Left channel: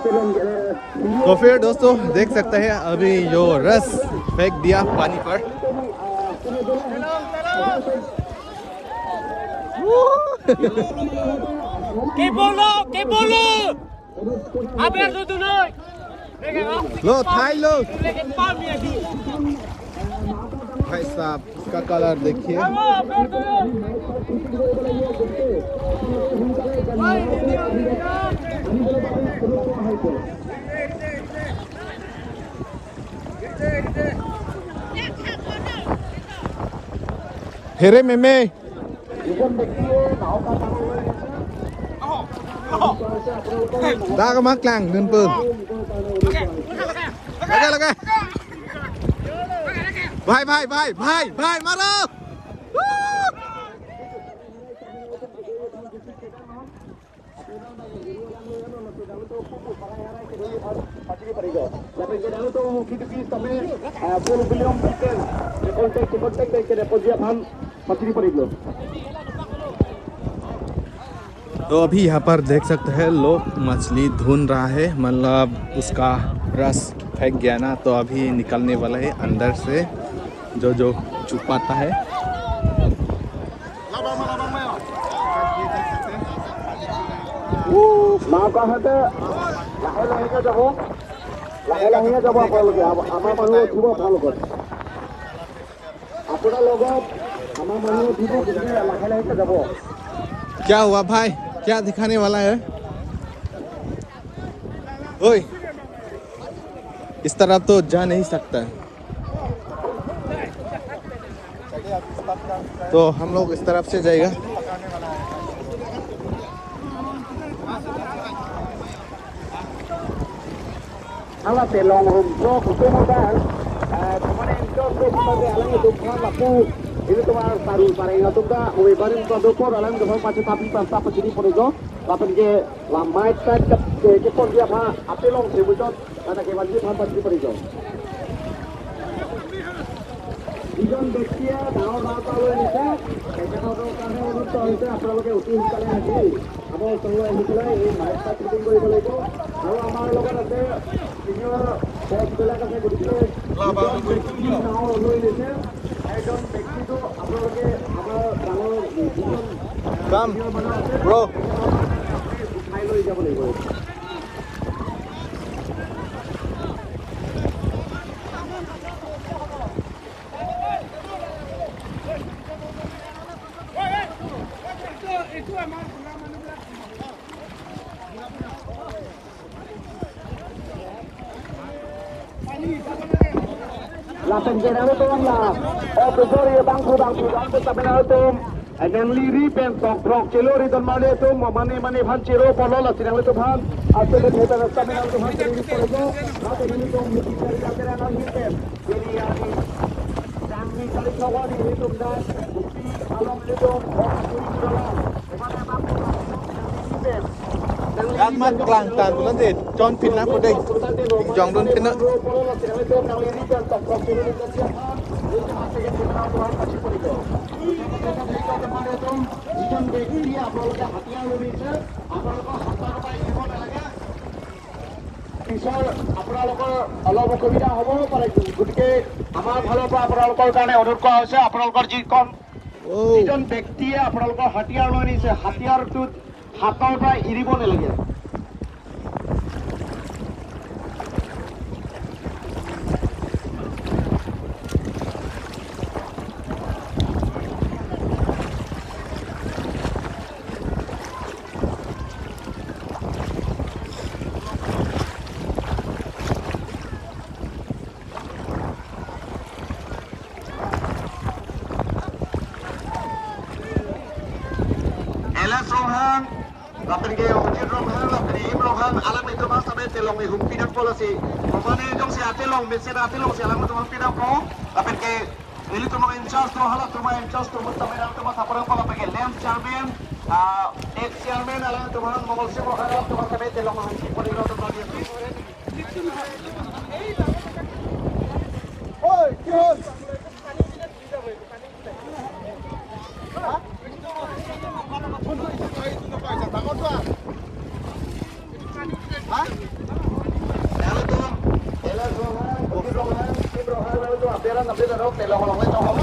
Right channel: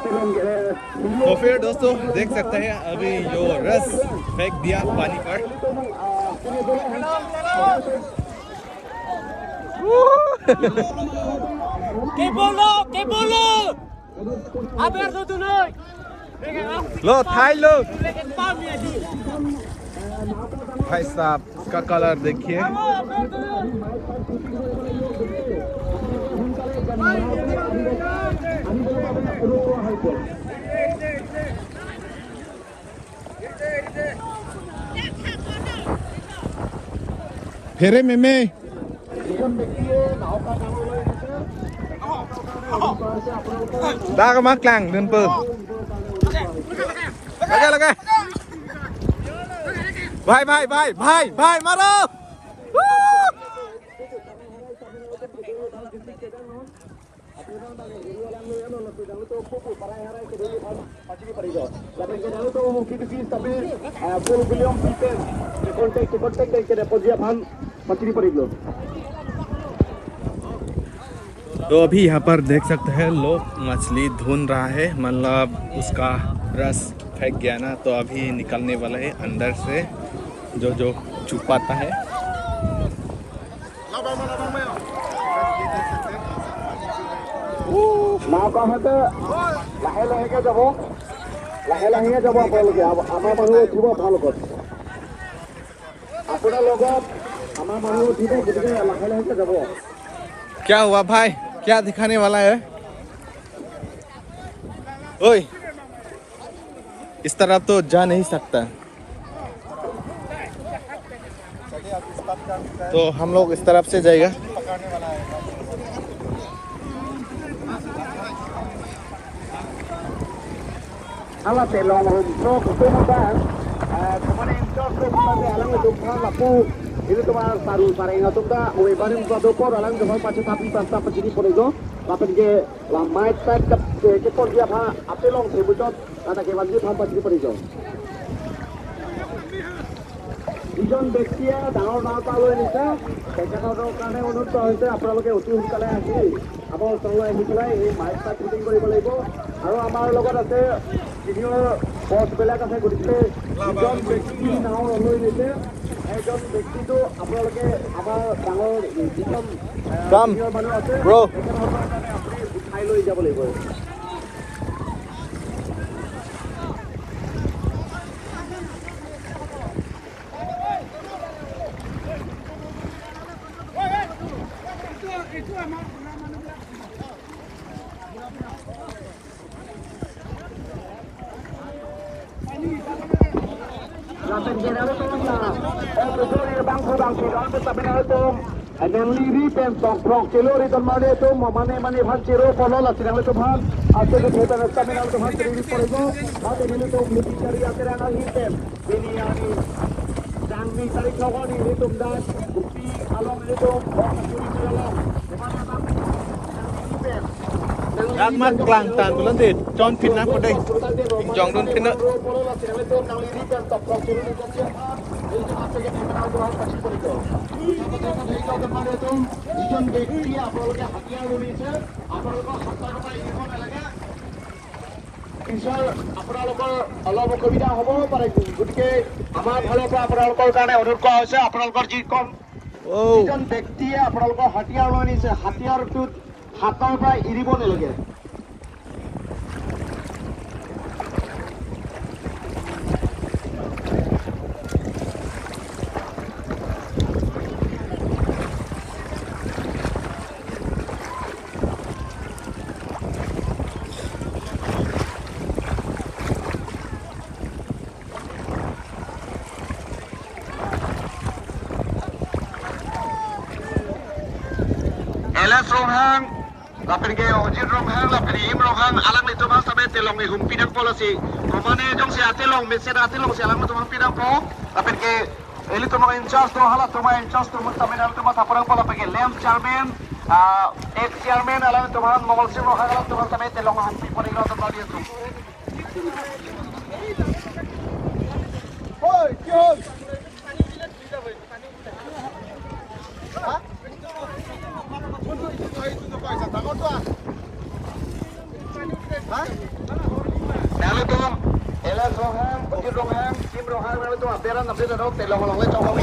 तो फिर दोस्तों देख सकते हैं अभी जो रस फेंक दिया पानी पर। के बोलो अब यार दो नहीं लो थाई लो भाई साहब का कलर देखिए। हेरे में đá cái mắt lăng đơn phương lगे भाई मारो तो अभी यहाँ पर देख सकते हैं लोग मछली धुन रहा है, मतलब उसका रस फेंक गया ना, तो अभी निकलने वाला है अंदर से जो छुपाता है। क्या हुआ भाई, क्या दिखाने वाला है? ओए इस तरफ तो जा नहीं सकता, तो हम लोग इस तरफ से जाएगा। Ini cuma saru pareng atau enggak, oleh bareng ke dokter dalam dengan pasti tanpa begini pun itu, lapan ke lamai tak ke pun dia apa long sebutkan kata ke wajib tanpa begini pun itu. Ikan bekia daun kalau ini sah, kalau karena untuk tahu itu apa lagi utuh kalau lagi, apa semua ini kalau ini mai tak penting kau boleh itu, kalau amal logo ada ini bos bela kan saya gudiknya, ikan bekia daun lalu ini sah. Come, bro. Yang liri pensok prok celur itu mana itu mana pan cero polo lah sidang itu pan aku itu kita kami itu pan cero itu ada mana itu mesti akhirnya nang hitam ini yang kami tarik kawan ini itu dah bukti alam itu Các mắt làng tàn của lần gì tròn phim nắp vào đây dòng luôn phim nữa. Misal আপোনালোকৰ অলপ অসুবিধা হ'ব পাৰে, গতিকে আমাৰ ফালৰ পৰা আপোনালোকৰ কাৰণে অনুৰোধ কৰা হৈছে, আপোনালোকৰ যি কম যিজন ব্যক্তিয়ে আপোনালোকৰ হাতিয়াৰ লৈ নিছে হাতিয়াৰটোত হাতৰ পৰা এৰিব নালাগে। Rohang, lapin ke ojir rohang, lapin im rohang, alam itu mah sampai telong ihum pidang polisi. Pemane jong si atelong, mesra atelong si alam itu mah pidang po, lapin ke ini tu mah incas tu halat tu mah incas tu mah sampai dalam tu mah taparang po lapin ke lem chairman, chairman alam itu mah mawal si rohang tu mah sampai telong ihum pidang itu mah dia tu. Oi, kyon. Lalu tu, elas rohan, bukit rohan, kim rohan, lalu tu aperan roh, telang long itu orang.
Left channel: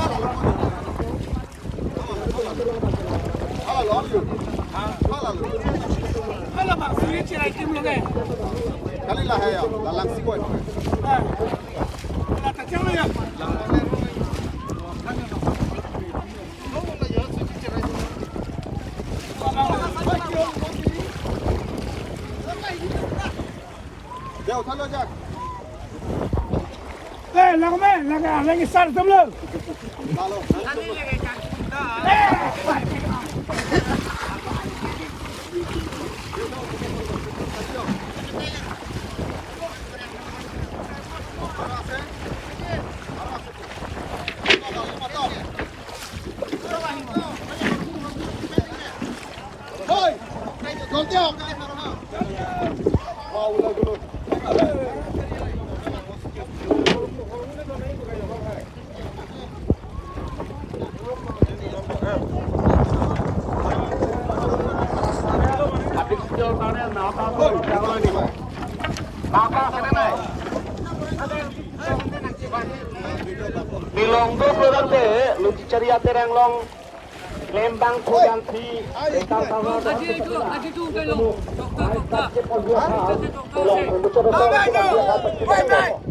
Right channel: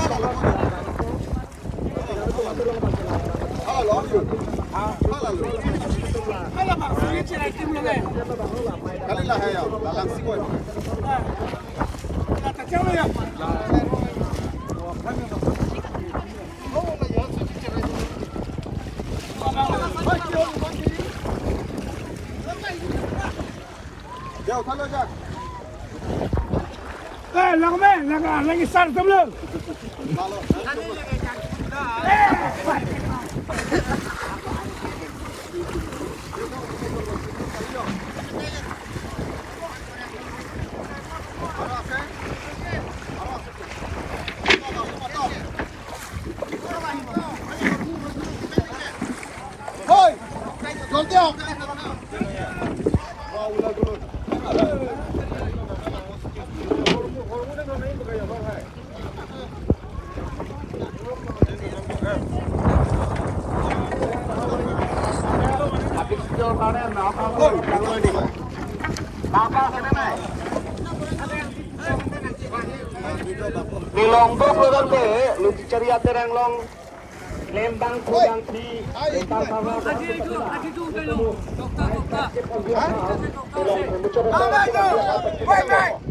Kalau mak sini ciri tim lo kan? Kali lah ya, dalam sikut. Tak tahu ya. Jauh thalo jak. Lagi sar tu belum? Hoi, gol tiang. Dilong tu berarti lucu ceria terang long lembang kudanti lembang kamu. Aji tu kan lo. Doktor.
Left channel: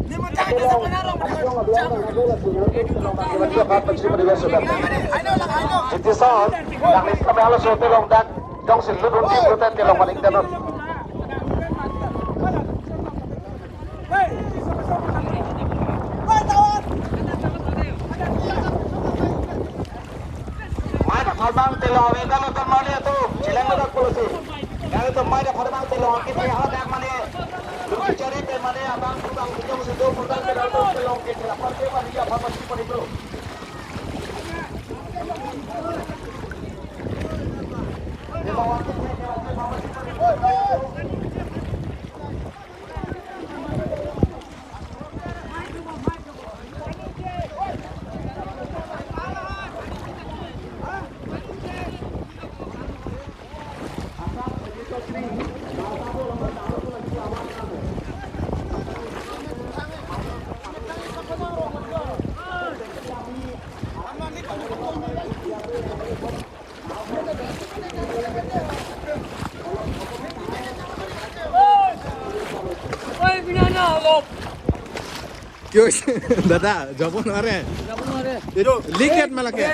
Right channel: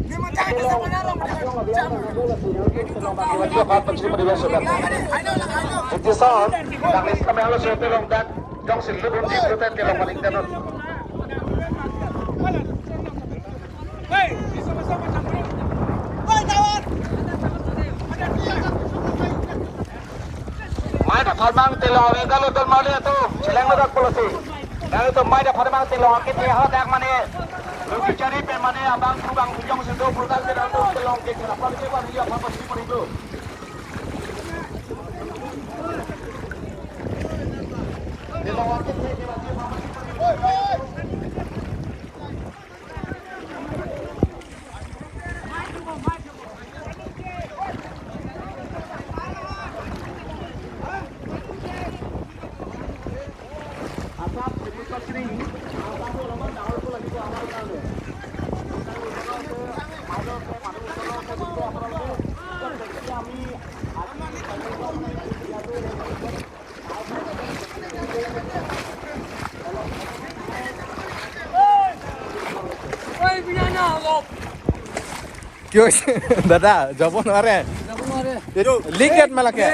Ni macam kita penarong dengan jam. Itu sah. Kami harus telong dan dong seluruh tim kita telong paling kanan. Mana farmang telong ini kalau termani itu silang ledak polisi. Lalu tu mana farmang telong kita hal dak mana. Lucu cari pe mana abang kubang bujang sudah pultal telong ke kelapa ke mana dia foto super itu. Oi, binana lop. क्यों दादा जबन अरे leak date में लगे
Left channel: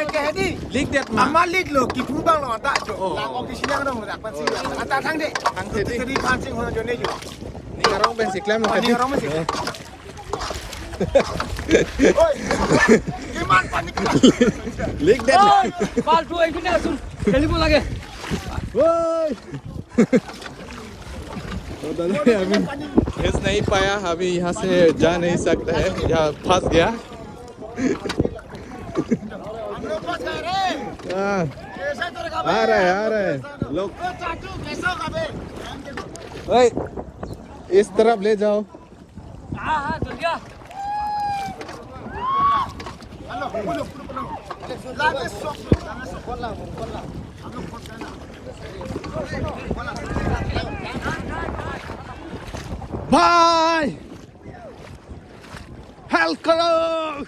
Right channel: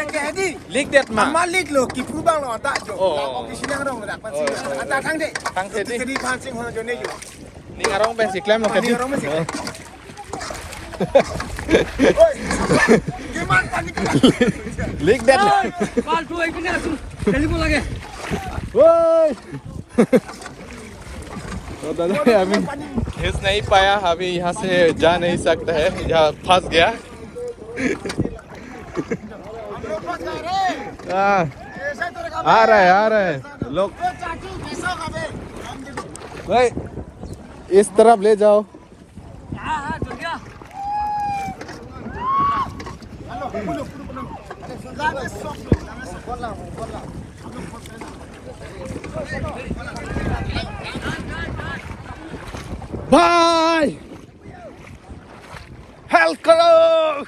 leak date में Amal lik lo, kikru bang lo, tak jo. Lang oki silang dong, tak pansi. Anta thang dek. Thang dek. Jadi pancing hono jone jo. ni ngarong ben siklem lo Ni ngarong ben siklem. Oi, gimana panik lah. Leak date Kal tu ini langsung telefon lagi. ओए तो दादा अभी खींच नहीं पाया अभी यहाँ से जा नहीं सकता है यहाँ फंस गया आ रहा है लोग ओए इस तरफ ले जाओ हाँ चल गया. Halo, pulo. Lagi sok. Bye. Hello.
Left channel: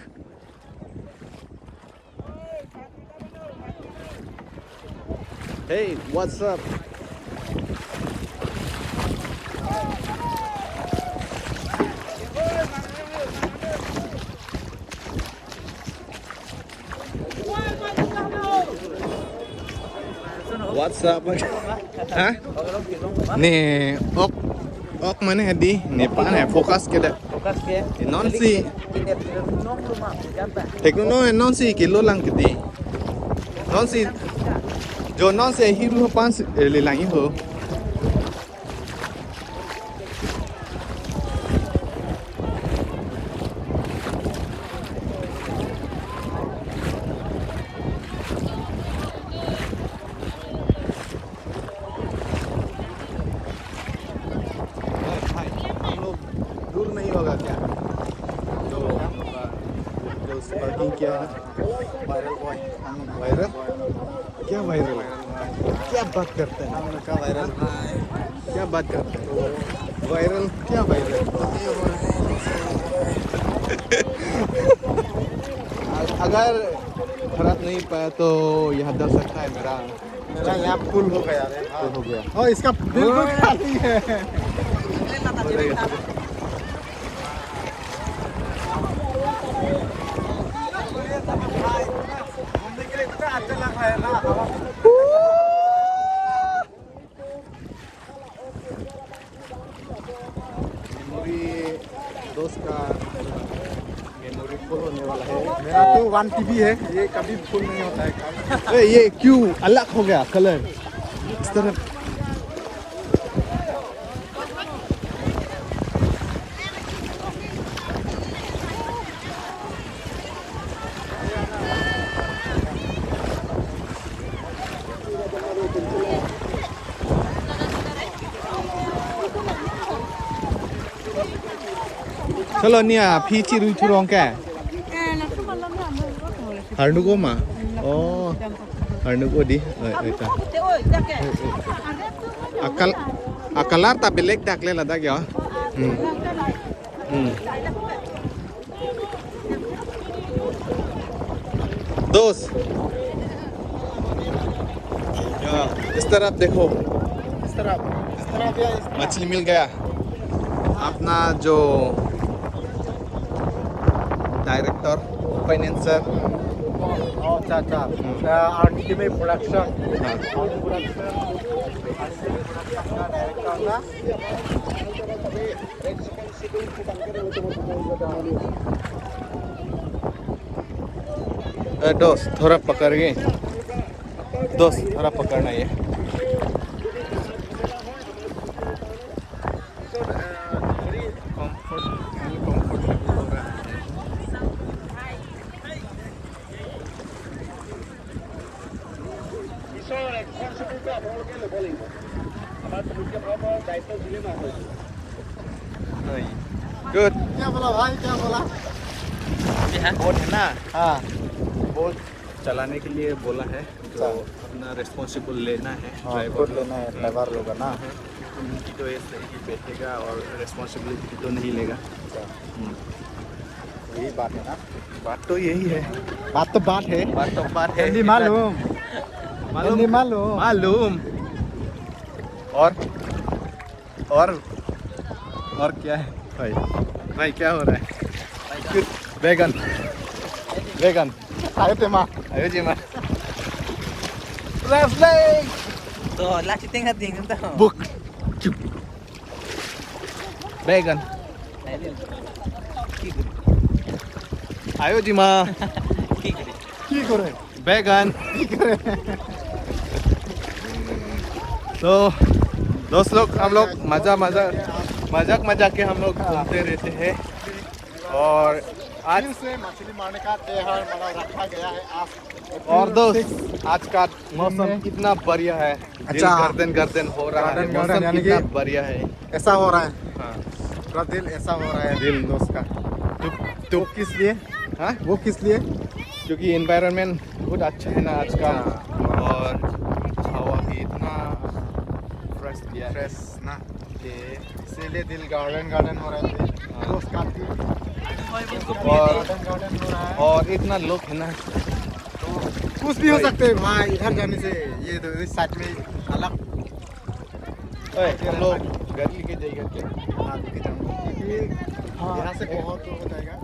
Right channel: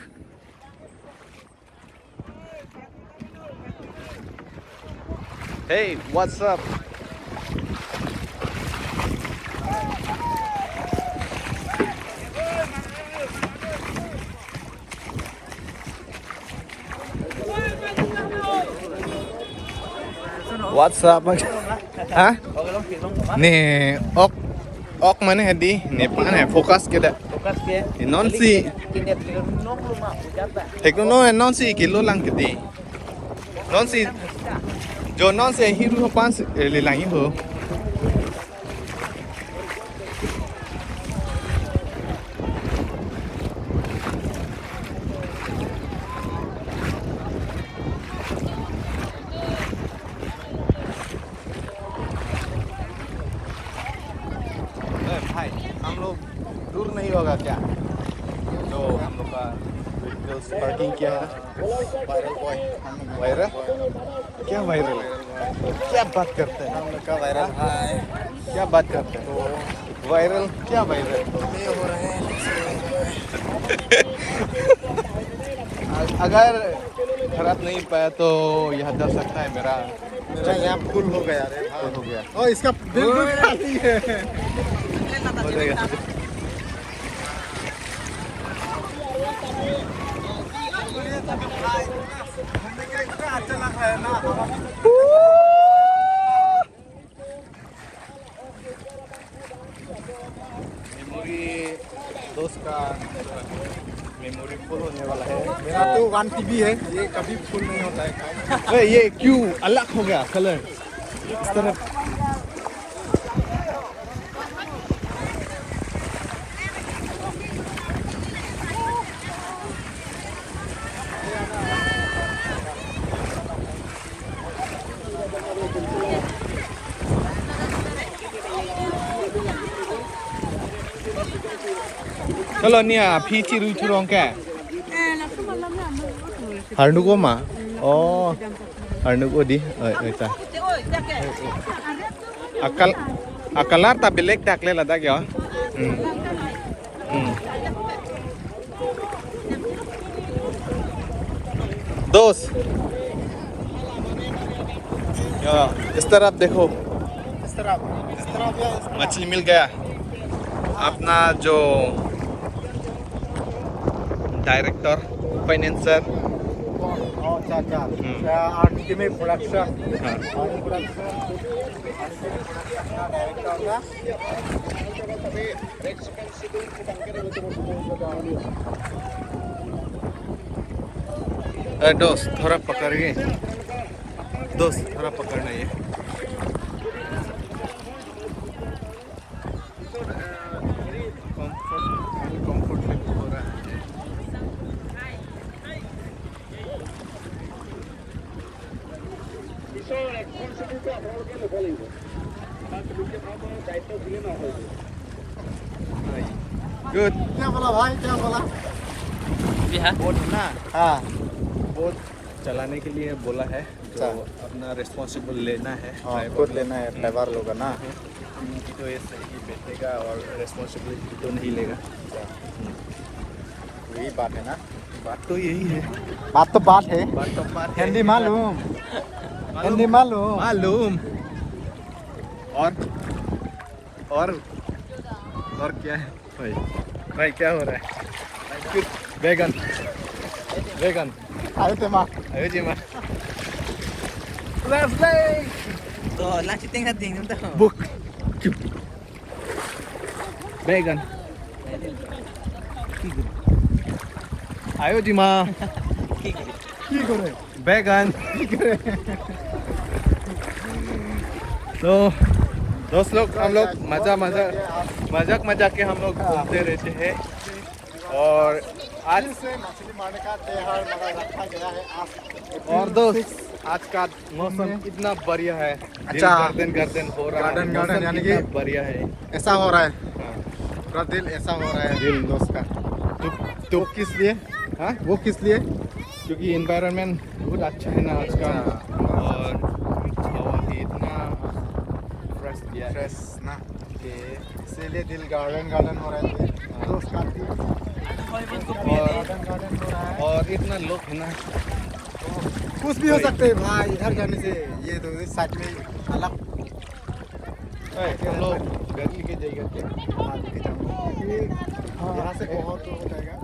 Hey, what's up? What's up? Hah? Nih, ok mana hadi? Nih pan hai focus keda. Non si. Tekno non si kilo lang kedi. Non si. Jo non se hiru pan le lang ho. भाई हम लोग दूर नहीं होगा क्या जो हम लोग का व्हीकल्स पार्किंग किया है ना। वायरल क्या वायरल क्या बात करते हैं हम लोग का वायरल क्या बात करते हैं वायरल क्या वायरल ये हो रहा है अगर खराब नहीं पाया तो यहाँ जा सकता है मेरा यहाँ फुल हो गया फुल हो गया और इसका बिल्कुल खाली है हो जाएगा घूमने के लिए इतना अच्छा लग रहा है ना मेमोरी दोस्त का मेमोरी फुल होने वाला है मेरा तो 1 TB है ये कभी फुल नहीं होता है अरे ये क्यों अलग हो गया कलर इस तरफ Kalau ni ah, pici rucu rong ke? Harnu ko ma? Oh, harnu ko di. Ita. Akalar ta belek dakle lada kya? दोस्त इस तरफ देखो इस तरफ मछली मिल गया अपना जो डायरेक्टर फाइनेंसर अच्छा अल्टीमेट प्रोडक्शन हाँ दोस्त थोड़ा पकड़िए दोस्त थोड़ा पकड़ना है कंफर्टेबल हो रहा है गुड क्या बोला भाई क्या बोला बोट ना हाँ बोट चलाने के लिए बोला है जो अपना रिस्पॉन्सिबल लेना है ड्राइवर लेना है ड्राइवर लोग ना है उनकी तो ये सही ही बैठेगा और रिस्पॉन्सिबिलिटी तो नहीं लेगा यही बात है ना बात तो यही है बात तो बात है हिंदी मालूम हिंदी मालूम मालूम और क्या है भाई क्या हो रहा है बैगन बैगन आयो ते माँ ayo जी माँ Tuh, lagi tingkat dingin tuh. Book बैगन आयो जी माँ की करे बैगन तो दोस्त लोग हम लोग मजाक के हम लोग घूमते रहते हैं और आज मछली मारने का त्योहार रखा गया है और दोस्त आज का मौसम कितना बढ़िया है अच्छा। गर्दन हो रहा है गर्दन मौसम यानी कितना कि- बढ़िया है ऐसा हो रहा है पूरा दिल ऐसा हो रहा है दिल दोस्त का तो वो किस लिए हाँ वो किस लिए क्योंकि एनवायरनमेंट बहुत अच्छा है ना आज का और हवा भी इतना फ्रेश दिया है फ्रेश ना कि इसीलिए दिल गार्डन हो रहा है दोस्त का दिल और इतना लोग है ना कुछ भी हो सकते हैं भाई इधर जाने से ये तो इस साइड में अलग हम लोग गाड़ी के जाएगा क्या यहाँ से बहुत हो जाएगा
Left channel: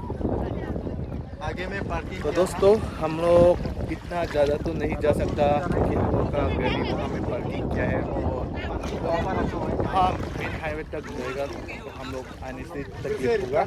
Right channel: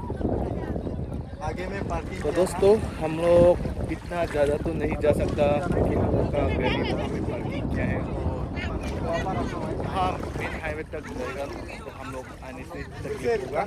आगे में पार्किंग तो दोस्तों हम लोग इतना ज़्यादा तो नहीं जा सकता हमें पार्किंग क्या है और हाँ मेन हाईवे तक जाएगा हम लोग आने से तक होगा